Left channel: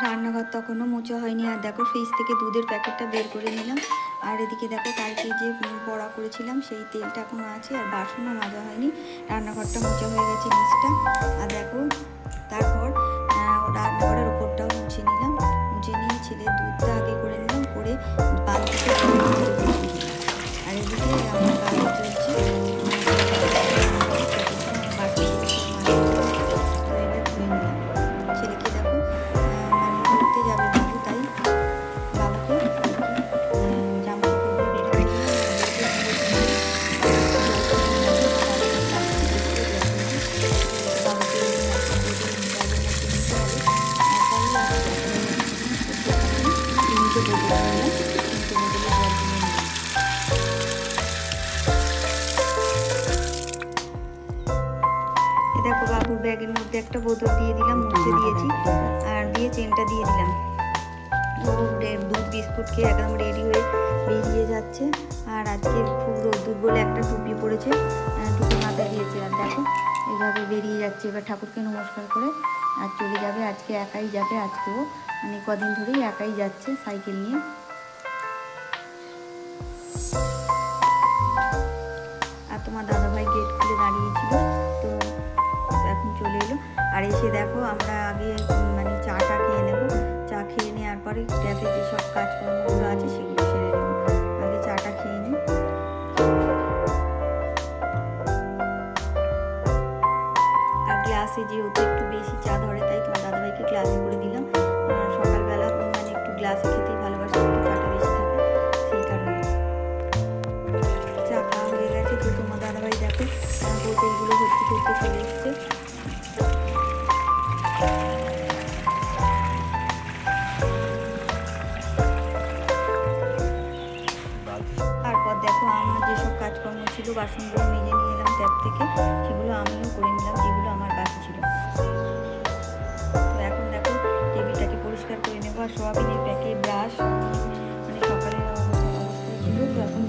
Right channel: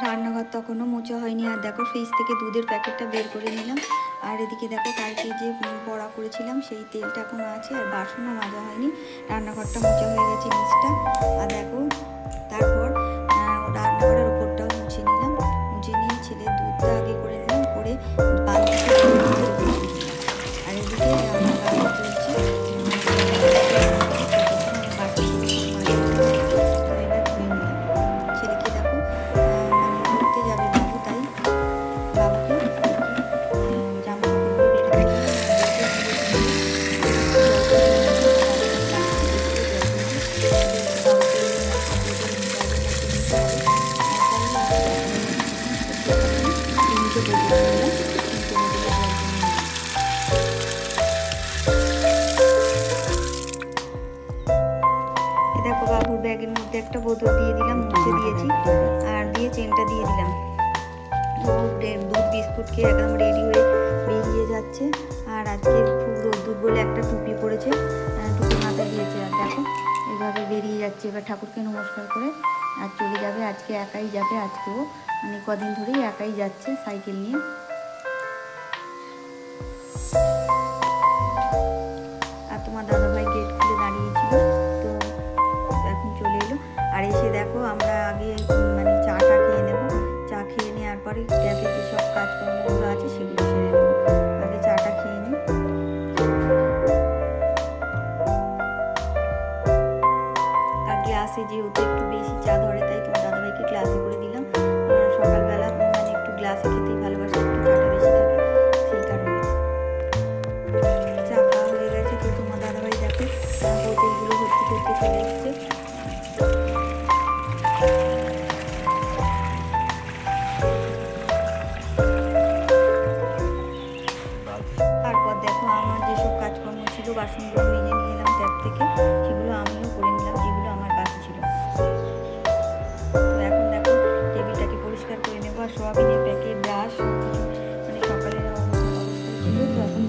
রান্নাঘর তখনও মোচা হয়নি। আর দেখো ফ্রিজ থেকে দুধের প্যাকেটটা বের করে নিলাম। আর এদিকে দেখো কালকে যে বড়া করেছিলাম, সেই তেলটা এখনও আছে আর বাসনও মাজা হয়নি। রান্নাঘরটা মোচা হয়ে গেছে নিচটা। আর দেখো, তারপর রান্নাঘরের ওপরটাও মুছে নিলাম। মুছে নিয়ে ছেলে দুধটা আগে করে নিলাম। করে বালতিতে ব্যাগের মধ্যে একটা বোতল দিয়ে দিলাম মুছে দিয়েছি। আর দিয়ে চেনটা দিয়ে দিলাম। ও দুধ বিস্কুট খেয়ে একদম রেডি হয়ে বেরিয়ে যাচ্ছে। আর আজকে খুব রোদ্দুর বলে একটা টুপি পরেছে আহ, টুপি মাথায় দিয়েছে। আর দেখো এইভাবে বেরিয়ে যাচ্ছে। এবার ঠাকুরকে নমস্কার করে আর চলে যাবে। আজকে একাই যাবে আজকেও। মানে কদিন ধরেই একাই যাচ্ছে সাইকেল নিয়ে। আর তোমার দাদাভাই গেট খুলে দাঁড়িয়েছিল। তো এখন চলে এলো। আর এসে দেখো আমরা আগে মানে চাটা খেয়ে নেব। চা খেয়ে নেওয়ার পরে ট্যাবে যেসব কাজকর্মগুলো আছে সেগুলো সেরে নেব। আগে চাটা খেয়ে নিই। আর গ্লাসে যেহেতু একটু বেশি চা ধরে, তাই তোমার দাদাভাইকে গ্লাসে করে দিলাম। সকালবেলা মানে একটু গ্লাসে খেতেই ভালোবাসে, একটু চাটা বেশি থাকে। হয়ে গেছে তো তোমার দাদাভাই দেখো আহ, বোতলগুলো ভর্তি করতে চলে এসছে। তারপর দেখো আমার যেসব কাজকর্ম ছিল বাসনগুলো মেজে নিয়ে এলাম ট্যাপ থেকে সেগুলো আমিও করে নিলাম যেগুলো আমার বাকি ছিল। তো এখন দেখো টেবিলটাকে পরিষ্কার করে নেব আর সোয়াবিনের প্যাকেট ব্রাশ মানে সকালের অবস্থা অবস্থায় ছিল তো এখন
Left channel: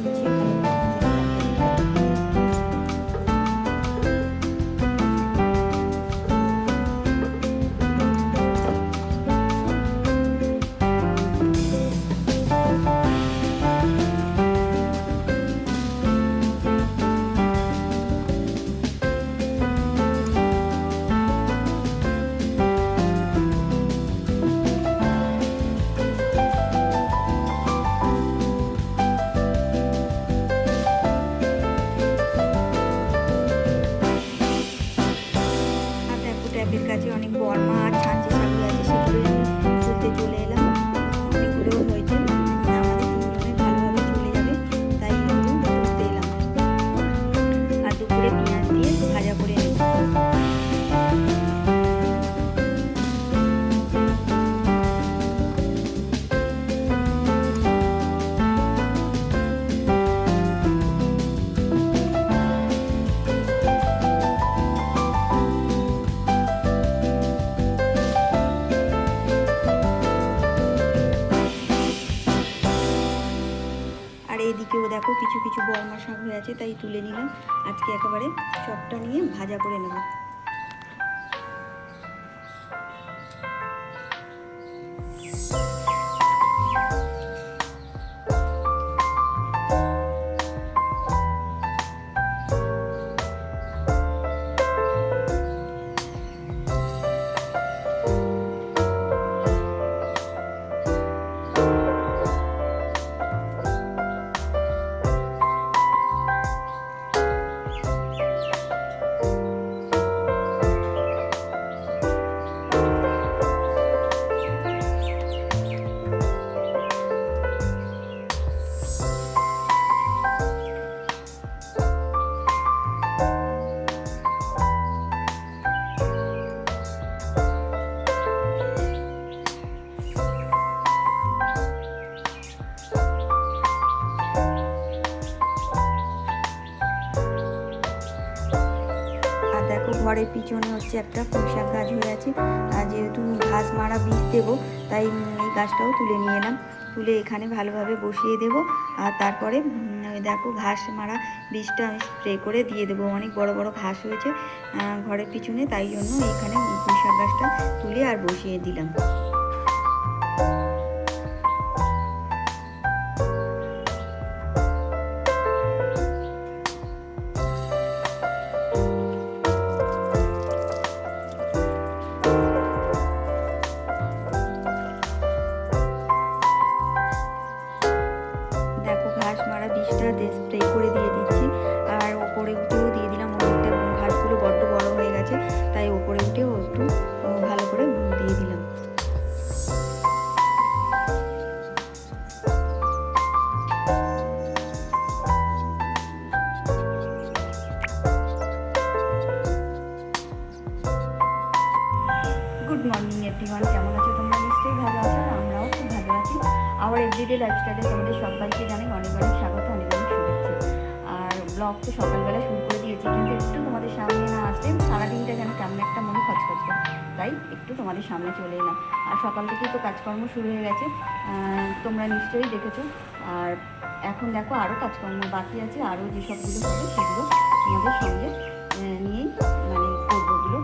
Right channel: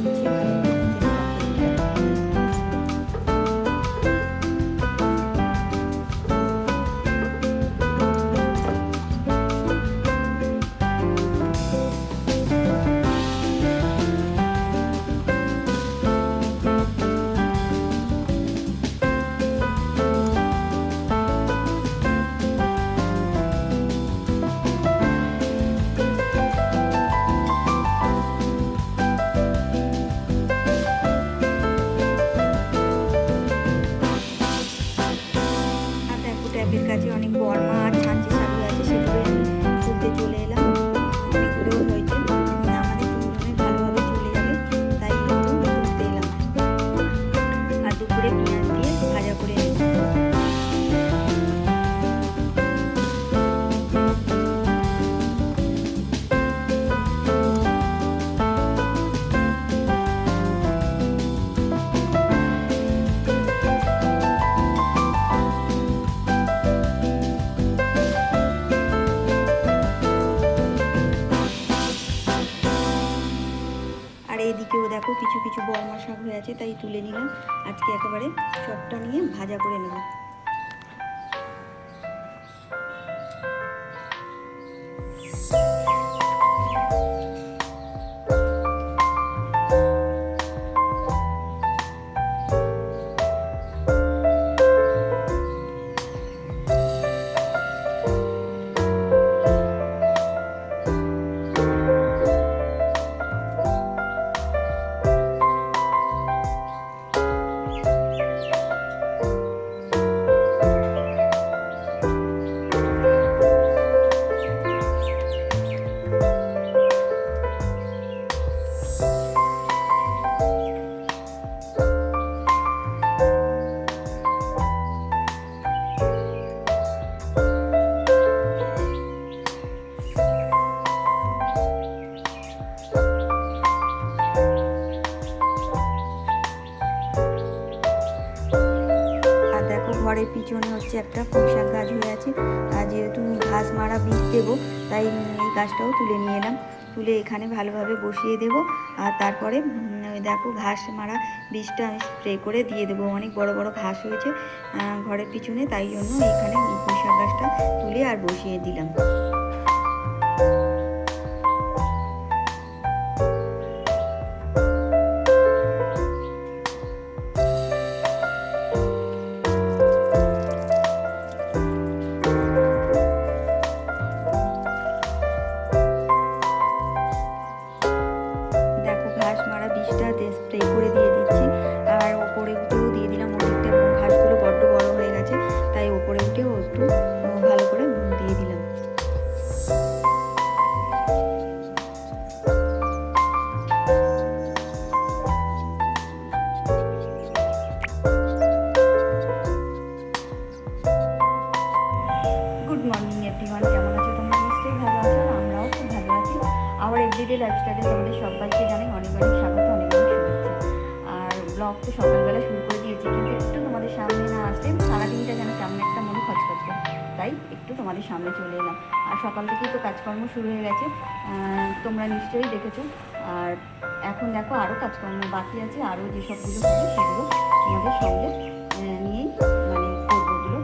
思い出 কিছু বড় বর্মা শাক হয়ে আছে, তাই তুলে নিলাম। আজকে একেবারে সবটা নিয়ে ভাজা করে নেব। ঘরের পিছনে হচ্ছে একটা পুঁইশাক গাছ হয়ে আছে। আর যেহেতু ঘাস মারা বীজ দেবো, তাই এই গাছটাও তুলে নিয়ে এলাম। তুলে এখানে ভালোভাবে বসিয়ে দেব। আর তারপরে দেখো ঘাস মারা বীজটা আমি স্প্রে করে দিয়ে দেবো। অনেক বড় বড় ঘাস হয়েছে ঘরের পিছনে, তাই জন্য এখানে পুঁইশাক গাছটা তুলে আর বসিয়ে দিলাম। বিষটা স্প্রে করে দিয়ে দিচ্ছি। আর ওপরে উঠেও দিয়ে দিলাম ওদিকটা ঘাসগুলো বড্ড বড় হয়ে গেছে, তাই ওপরে উঠেও একটু ভালো করে দিয়ে দিলাম। গুড মর্নিং এভরিওয়ান কেমন আছো তোমরা? নিশ্চয়ই ভালো আছো আমরাও খুব ভালো আছি। আমার এভরিডে লাইফস্টাইলে তোমাদের সবাইকে জানাই অনেক অনেক স্বাগত। ব্লগ তো সকালবেলা শুরু করে দিয়েছি, কিন্তু একটু তোমাদের সামনে না আসলে সারাদিনটা যেন কেমন একটা মনে খচখচ করে। তাই একটু তোমাদের সামনে চলে এলাম। আর সকাল থেকেই তো কাজকর্ম শুরু হয়ে গেছে তোমরা নিশ্চয়ই দেখেছ। আর এখন দেখো আরও কাজকর্ম বাকি আছে আরও যেসবগুলো হবে সেগুলো তোমাদের সঙ্গে নিয়েই মানে করবোগুলো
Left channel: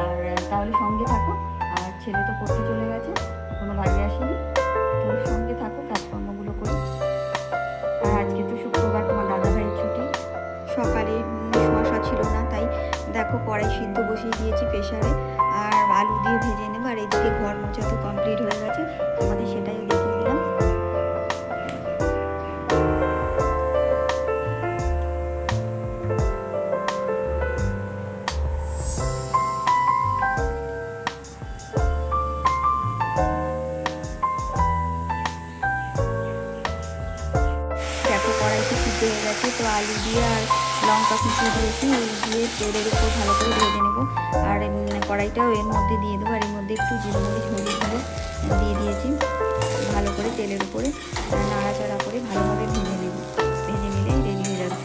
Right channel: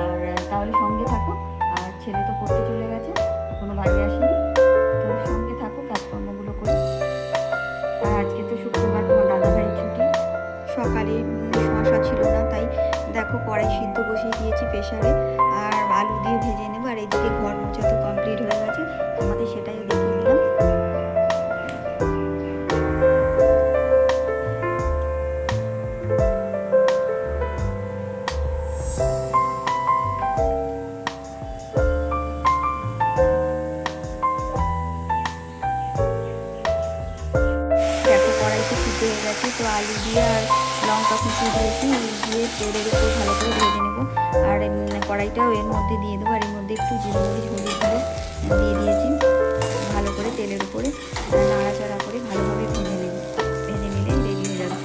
আর তাহলে সঙ্গে থাকো, আর ছেলে তো পড়তে চলে গেছে, এখনও বাড়ি আসেনি। তো সঙ্গে থাকো, কাজকর্মগুলো করি। আর আজকে তো শুক্রবার, তোমার দাদা ভাইয়ের ছুটি। সকালে শশা ছিল না, তাই দেখো কড়াই সিদ্ধ বসিয়ে দিয়েছি প্রেশারে আর আলু দিয়ে ভেজে নেব, আর এদিকে ঘর মোছা তো কমপ্লিট হয়ে গেছে আমাদের সেটাই দেখিয়ে দিলাম। সিদ্ধ হয়ে গেছে। তো আলু দিয়ে আর লঙ্কা কুচি দিয়েছি দিয়ে তেলের উপর ভালো করে ভেজে নেব। আর কড়াইটাও এর মধ্যে দিয়ে দেবো, আর এর মধ্যে একটু জিরে মরিচ হলুদ দিয়ে দিয়ে দিয়েছি। ভালো করে তেলের উপরে নাড়াচাড়া করে ভালোভাবে ভেজে নেব। ভেজে নিলেই রেডি হয়ে যাবে।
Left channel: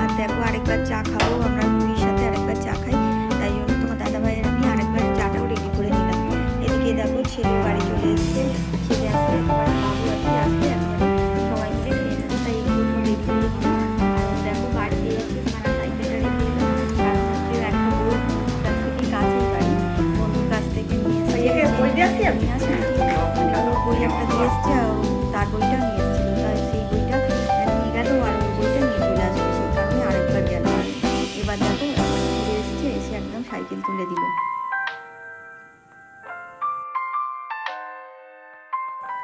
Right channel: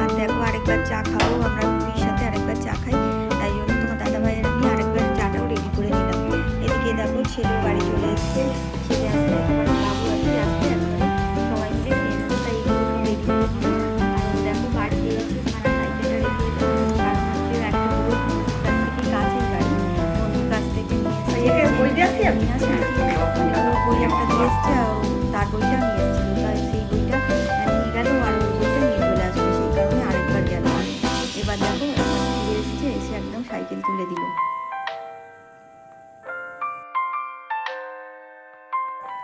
আর দেখো আরেকবার চা খাব, আমরা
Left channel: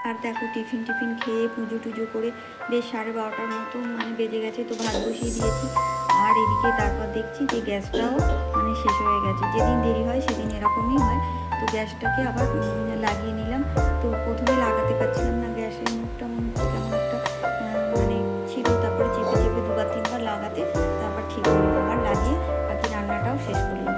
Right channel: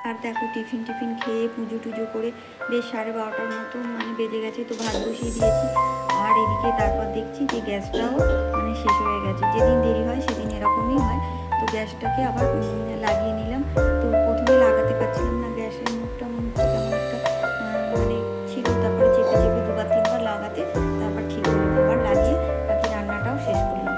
আর দেখো আর দেখো, টিফিন টিফিন খেয়ে পুজো টুজো করে বেশ সাড়ে বারোটার মতো মানে বেজে গেছে, তো ভাত বসিয়ে দিয়েছি। আর এদিকে তারপর দেখছি যে গ্যাসটাও মানে শেষ হয়ে গেছে। যেদিন দেরি হয়, সেদিন এরকমই হয়। তো গ্যাসটাকে আবার লাগিয়ে নিলাম। তো প্রথমে লাগাতে পারছিলাম না গ্যাসের মুখটা, মনে হচ্ছে কেমন একটা মানে ছিল। তারপরে চেপে চেপে দুবার, তিনবার লাগাতে, তারপর ঠিক হলো। আবার লাগিয়ে বাকি রান্নাটাও শেষ করলাম।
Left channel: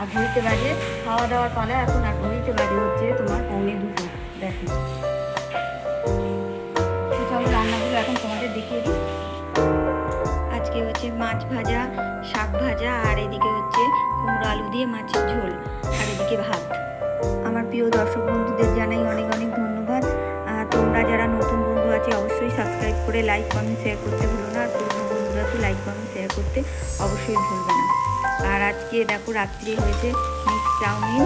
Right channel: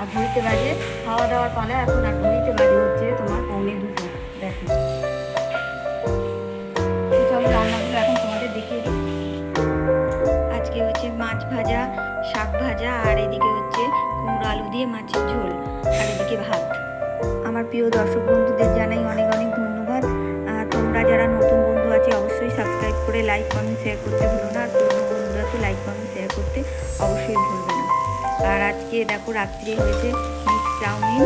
আর ঘড়িতে বাজে খাওয়া দাওয়ার পালা এখন আর ঘড়িতে বাজে হচ্ছে তোমার পৌনে দুটো। দেখো। চলো রান্নাগুলো এখন তোমাদের দেখিয়ে দিই। আজকে হচ্ছে মাছ ভাজা, শাক ভাজা, আর এদিকে হচ্ছে কুমড়ো আলু দিয়ে মাছের ঝোল, আর এদিকে ভাত। আমার প্রিয় দর্শক বন্ধুদের জানাই অনেক অনেক ধন্যবাদ। তোমরা যারা নতুন বন্ধু আছে, অবশ্যই সাবস্ক্রাইব করে লাইক কমেন্ট শেয়ার করতে ভুলো না। আর পুরনো বন্ধুরা তো লাইক কমেন্ট শেয়ার করতে অবশ্যই ভুলবে না। আর আজকে দেখো রাত্রি হয়েছে মিক্স চাউমিন।